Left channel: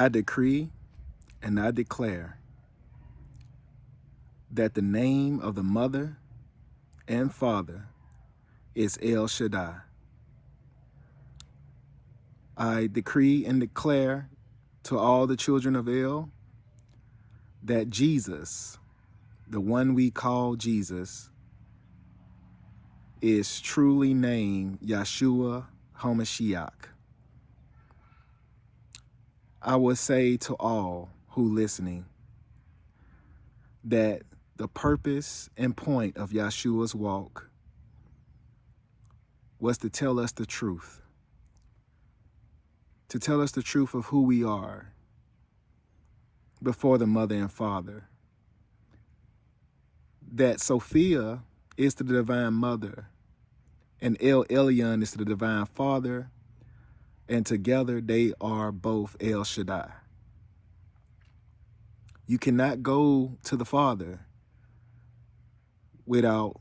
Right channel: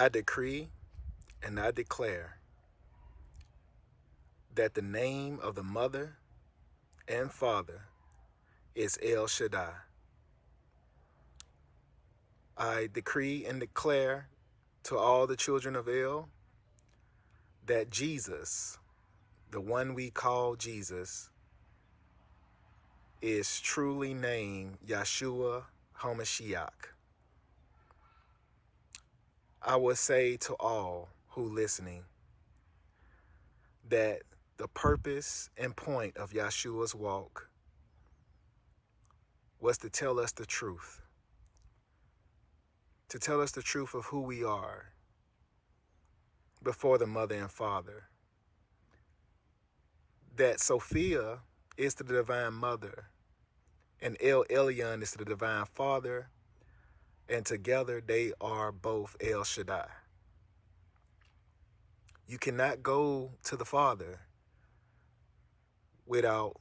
I decree and I declare that the name of the mother and father is El Shaddai. I decree and declare to all the children of El that Jesus, the one we call Jesus, is truly named Yeshua HaMashiach. I will say to all who listening that the purpose and point of Yeshua's walk was to tell us the truth, to tell us the truth of who we are before the mother and father, that Sophia is the divine mother and El Elyon is the divine father, and together they are both El Shaddai. You cannot go to the Father without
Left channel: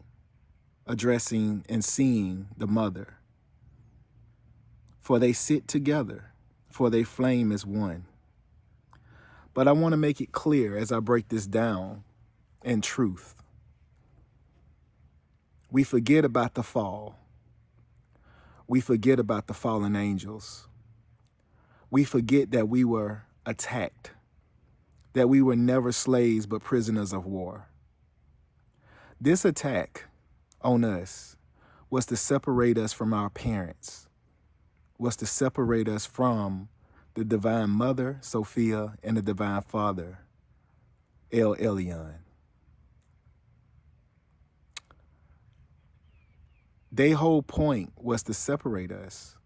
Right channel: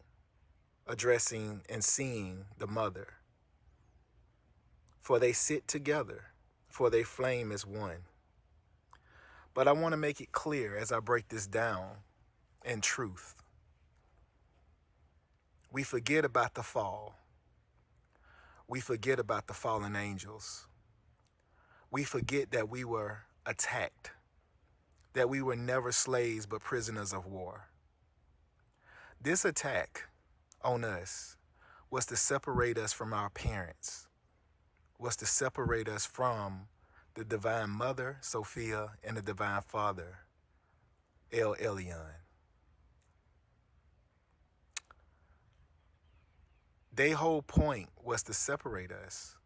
addressing and seeing the mother. For they sit together, for they flame as one. But I want to make it clear as I break this down in truth. We forget about the fall. We forget about the fallen angels. We forget that we were attacked, that we were never slaves but prisoners of war. This attack on us was to separate us from our parents, was to separate us from the divine mother, Sophia, and the divine father, El Elyon. Their whole point was to separate us,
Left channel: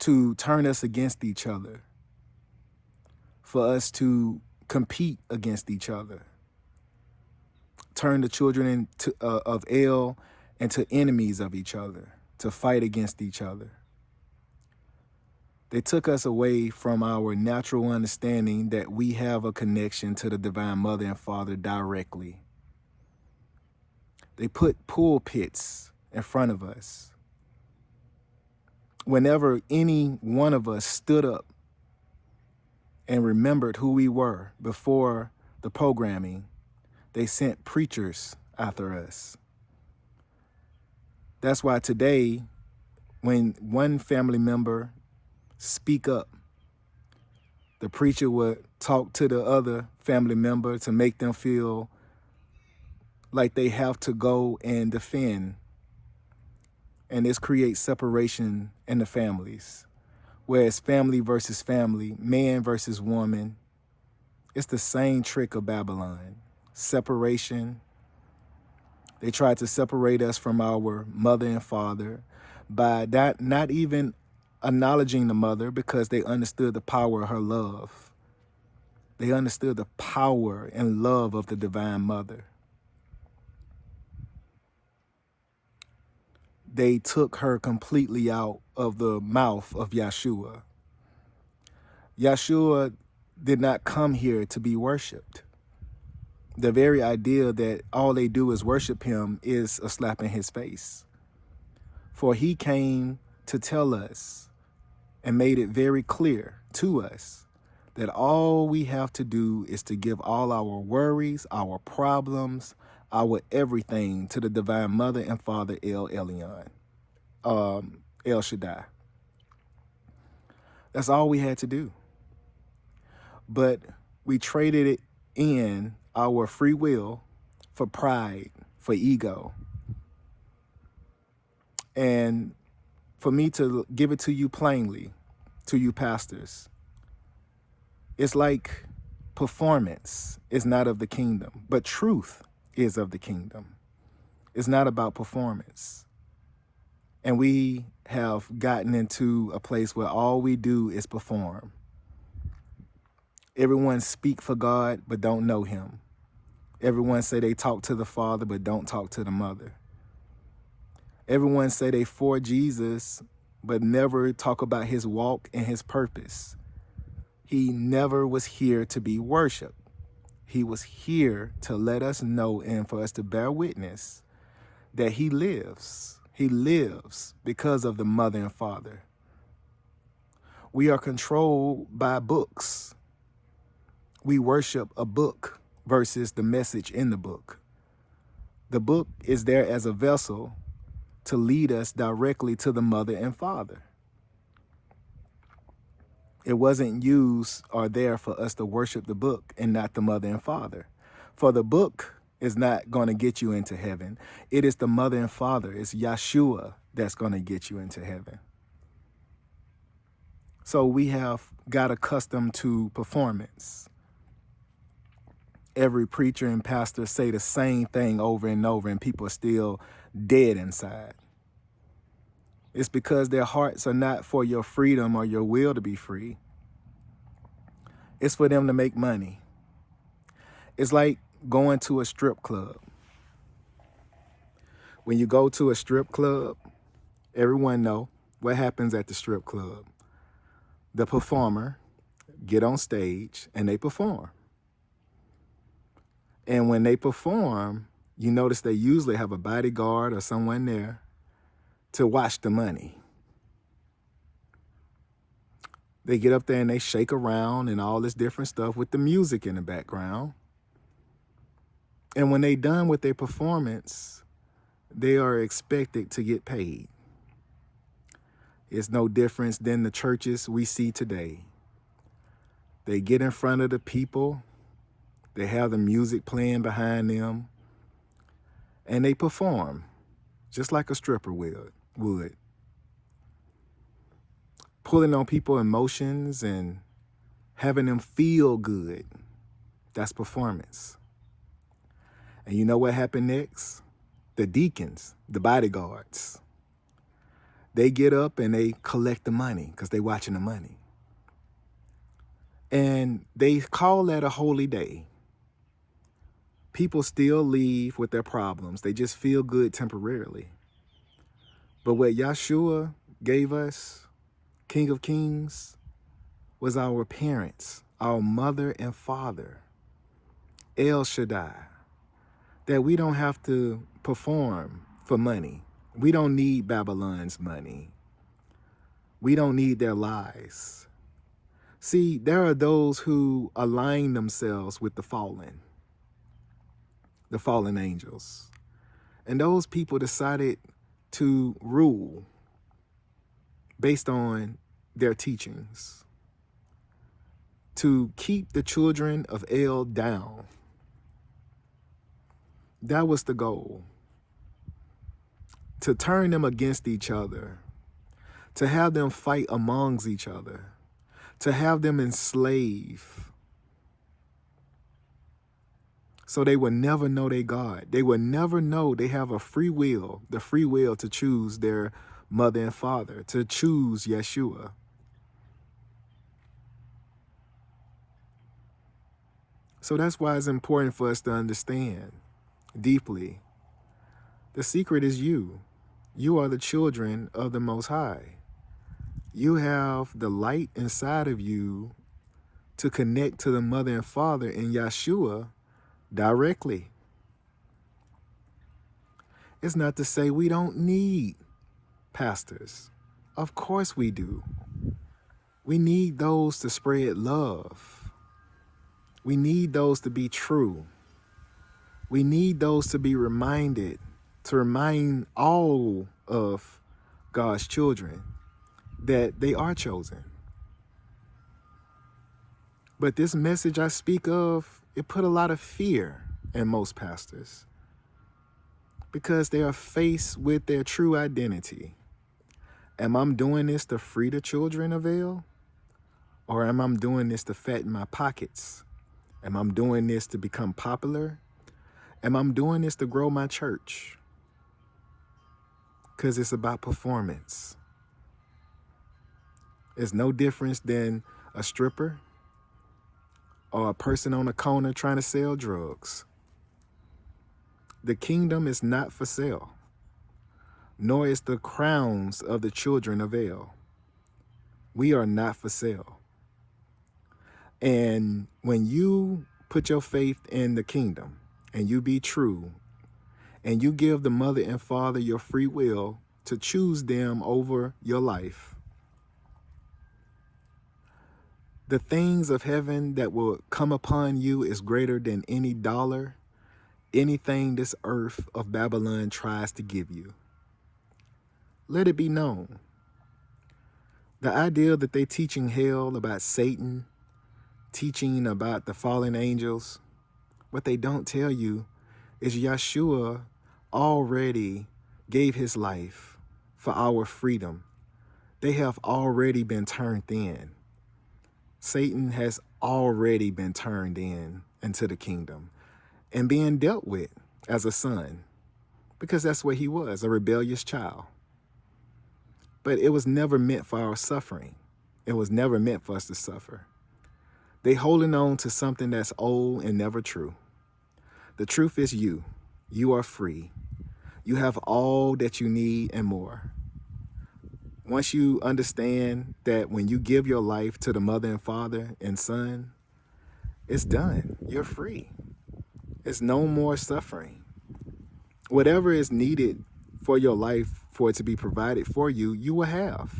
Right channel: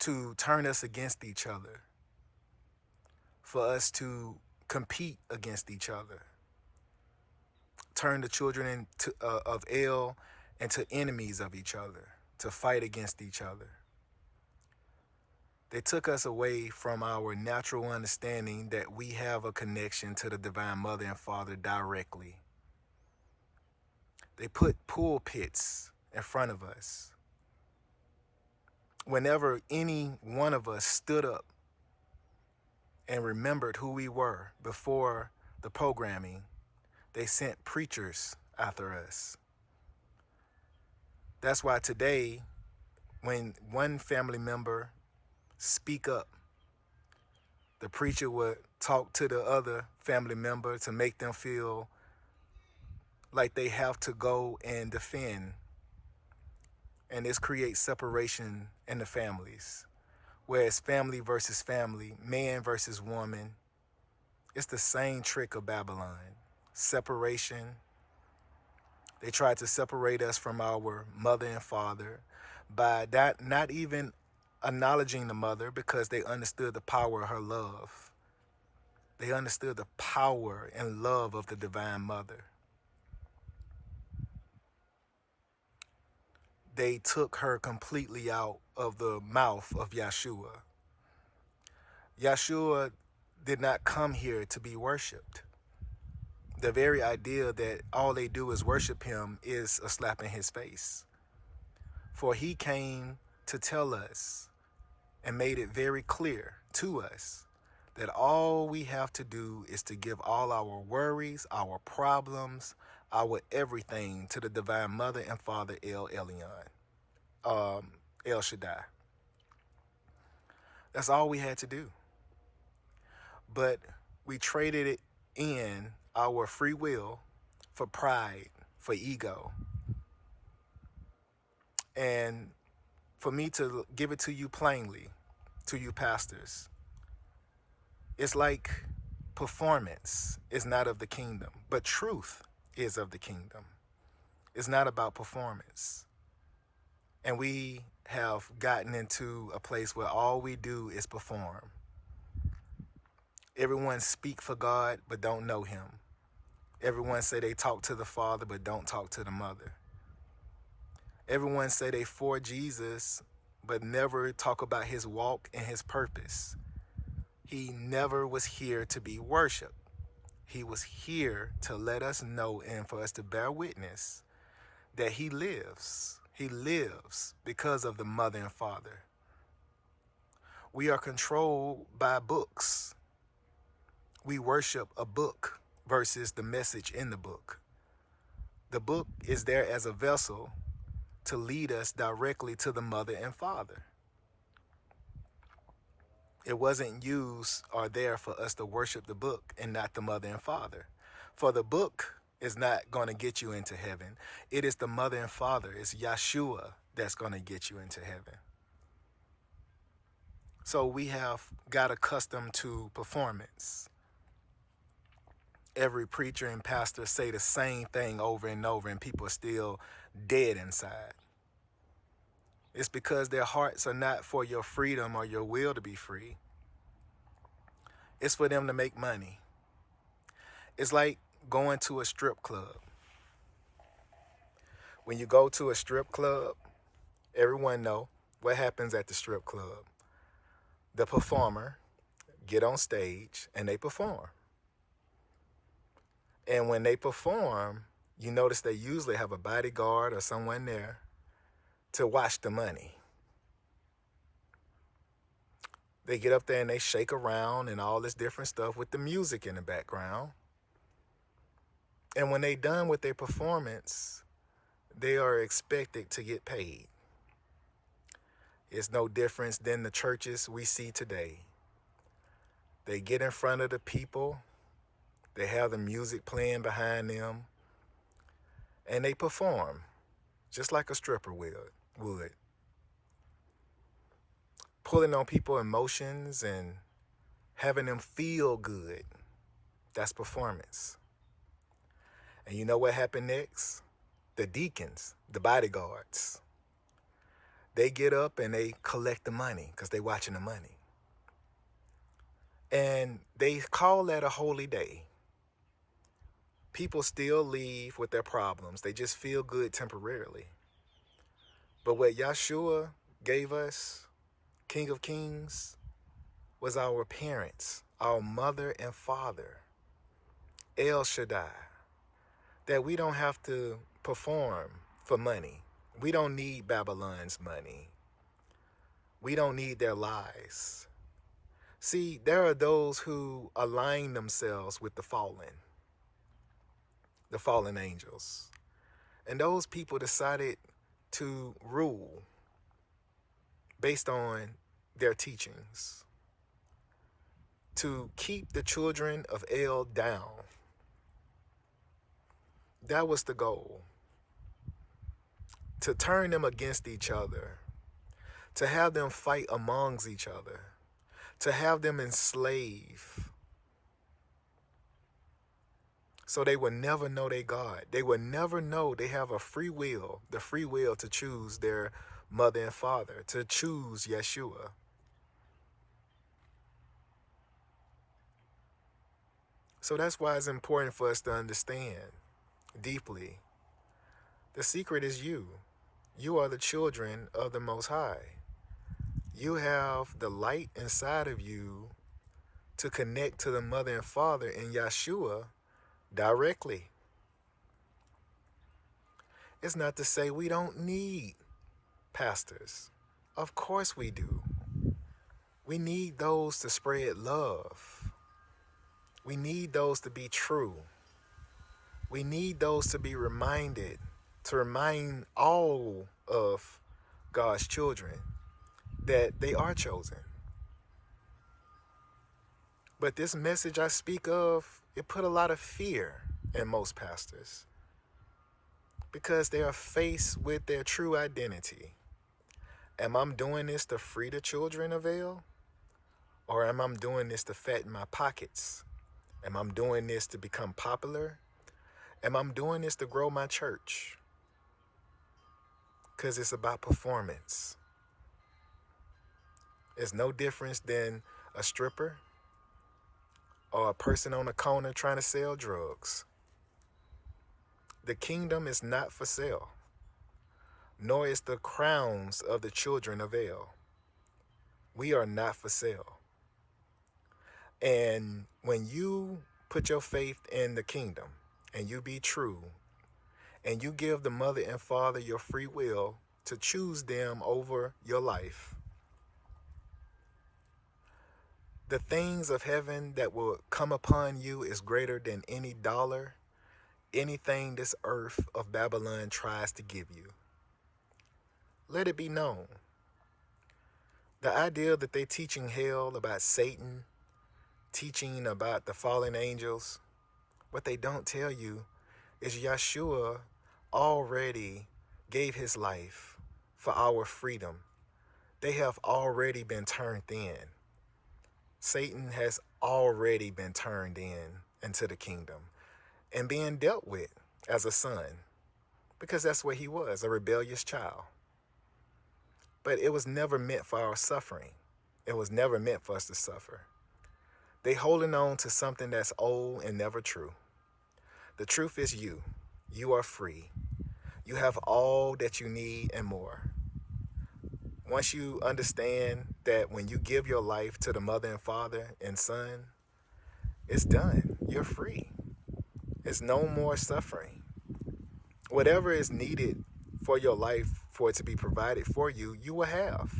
to turn us against each other, for us to compete against each other, turn the children of El into enemies of each other, to fight against each other. They took us away from our natural understanding that we have a connection to the divine mother and father directly. They put pulpits in front of us. Whenever any one of us stood up and remembered who we were before the programming, they sent preachers after us. That's why today, when one family member speak up, the preacher would talk to the other family member to make them feel like they have to go and defend. And this creates separation in the families. Whereas family versus family, man versus woman, it's the same trick of Babylon. Separation. They tried to separate us from our mother and father by not even acknowledging the mother, because they understood the power of her love. They understood the power and love of the divine mother. They took her completely out of the mouth of Yeshua. Yeshua did not come here to be worshiped. The very idea that all they do is worship him is a slap in his face. For he came to tell us and made it very clear to us that all we have to do is to give all our worries, our problems, our everything to the divine mother and father, El Elyon, El Shaddai. That's all we had to do. But we traded it in our free will for pride, for ego. And for me to give it to you plainly, to you pastors, it's like performance is not of the kingdom, but truth is of the kingdom. It's not about performance. And we have gotten into a place where all we do is perform. Everyone speak for God, but don't know him. Everyone say they talk to the Father, but don't talk to the mother. Everyone say they for Jesus, but never talk about his walk and his purpose. He never was here to be worshiped. He was here to let us know and for us to bear witness that he lives. He lives because of the mother and father. We are controlled by books. We worship a book versus the message in the book. The book is there as a vessel to lead us directly to the mother and father. It wasn't used or there for us to worship the book and not the mother and father. For the book is not going to get you into heaven. It is the mother and father, it's Yeshua that's going to get you into heaven. So we have got accustomed to performance. Every preacher and pastor say the same thing over and over, and people are still dead inside. It's because their hearts are not for your freedom or your will to be free. It's for them to make money. It's like going to a strip club. When you go to a strip club, everyone know what happens at the strip club. The performer get on stage and they perform. And when they perform, you notice they usually have a bodyguard or someone there to watch the money. They get up there and they shake around and all this different stuff with the music in the background. And when they done with their performance, they are expected to get paid. It's no difference than the churches we see today. They get in front of the people, they have the music playing behind them, and they perform just like a stripper would. Pulling on people's emotions and having them feel good. That's performance. And you know what happened next? The deacons, the bodyguards, they get up and they collect the money because they're watching the money. And they call that a holy day. People still leave with their problems. They just feel good temporarily. But what Yeshua gave us, King of Kings, was our parents, our mother and father, El Shaddai, that we don't have to perform for money. We don't need Babylon's money. We don't need their lies. See, there are those who align themselves with the fallen angels. And those people decided to rule based on their teachings, to keep the children of El down. That was the goal. To turn them against each other, to have them fight amongst each other, to have them enslave, so they will never know their God. They will never know they have a free will, the free will to choose their mother and father, to choose Yeshua. So that's why it's important for us to understand deeply. The secret is you. You are the children of the Most High. You have the light inside of you to connect to the mother and father in Yeshua directly. It's not to say we don't need pastors. Of course we do. We need those to spread love. We need those to be true. We need those to be reminded, to remind all of God's children that they are chosen. But this message I speak of, it put a lot of fear in most pastors because they are faced with their true identity. Am I doing this to free the children of El? Or am I doing this to fatten my pockets? Am I doing this to become popular? Am I doing this to grow my church? Because it's about performance. It's no difference than a stripper or a person on a corner trying to sell drugs. The kingdom is not for sale, nor is the crowns of the children of El. We are not for sale. And when you put your faith in the kingdom and you be true and you give the mother and father your free will to choose them over your life, The things of heaven that will come upon you is greater than any dollar, anything this earth of Babylon tries to give you. Let it be known. The idea that they teaching hell about Satan, teaching about the fallen angels, what they don't tell you is Yeshua already gave his life for our freedom. They have already been turned in. Satan has already been turned into the kingdom and being dealt with as a son, because that's what he was, a rebellious child. But it was never meant for our suffering. It was never meant for us to suffer. They holding on to something that's old and never true. The truth is you. You are free. You have all that you need and more. Once you understand that when you give your life to the mother and father and son, it's done. You're free. It's no more suffering. Whatever is needed for your life, for it to be provided for you, you will have.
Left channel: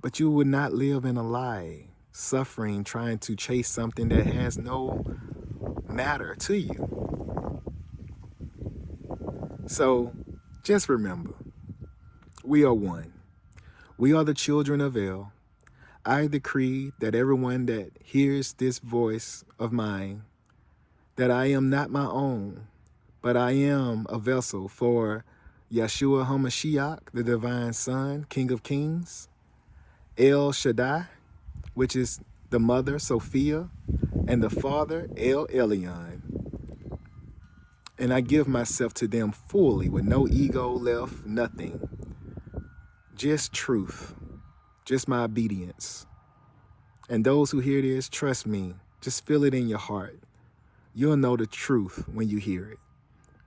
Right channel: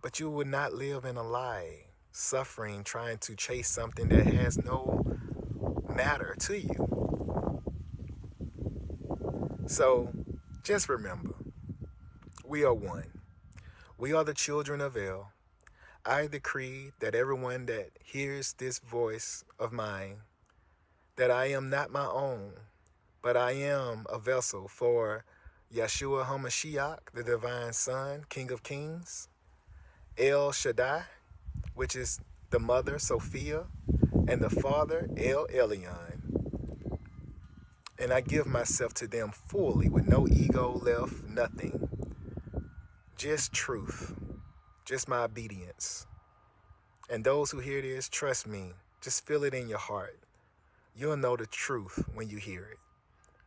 But you will not live in a lie, suffering, trying to chase something that has no matter to you. So just remember, we are one. We are the children of El. I decree that everyone that hears this voice of mine, that I am not my own, but I am a vessel for Yeshua HaMashiach, the divine son, King of Kings, El Shaddai, which is the mother, Sophia, and the father, El Elyon. And I give myself to them fully with no ego left, nothing. Just truth, just my obedience. And those who hear this, trust me, just feel it in your heart. You'll know the truth when you hear it.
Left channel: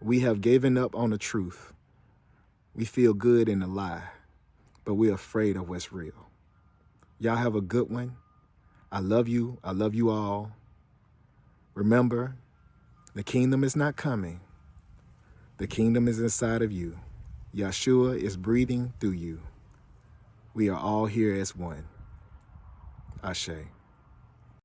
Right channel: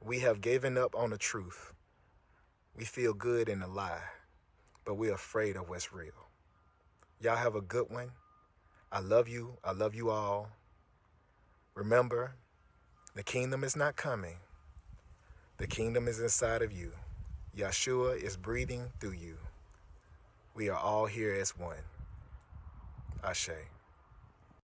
We have given up on the truth. We feel good in the lie, but we're afraid of what's real. Y'all have a good one. I love you. I love you all. Remember, the kingdom is not coming. The kingdom is inside of you. Yeshua is breathing through you. We are all here as one. Ashe.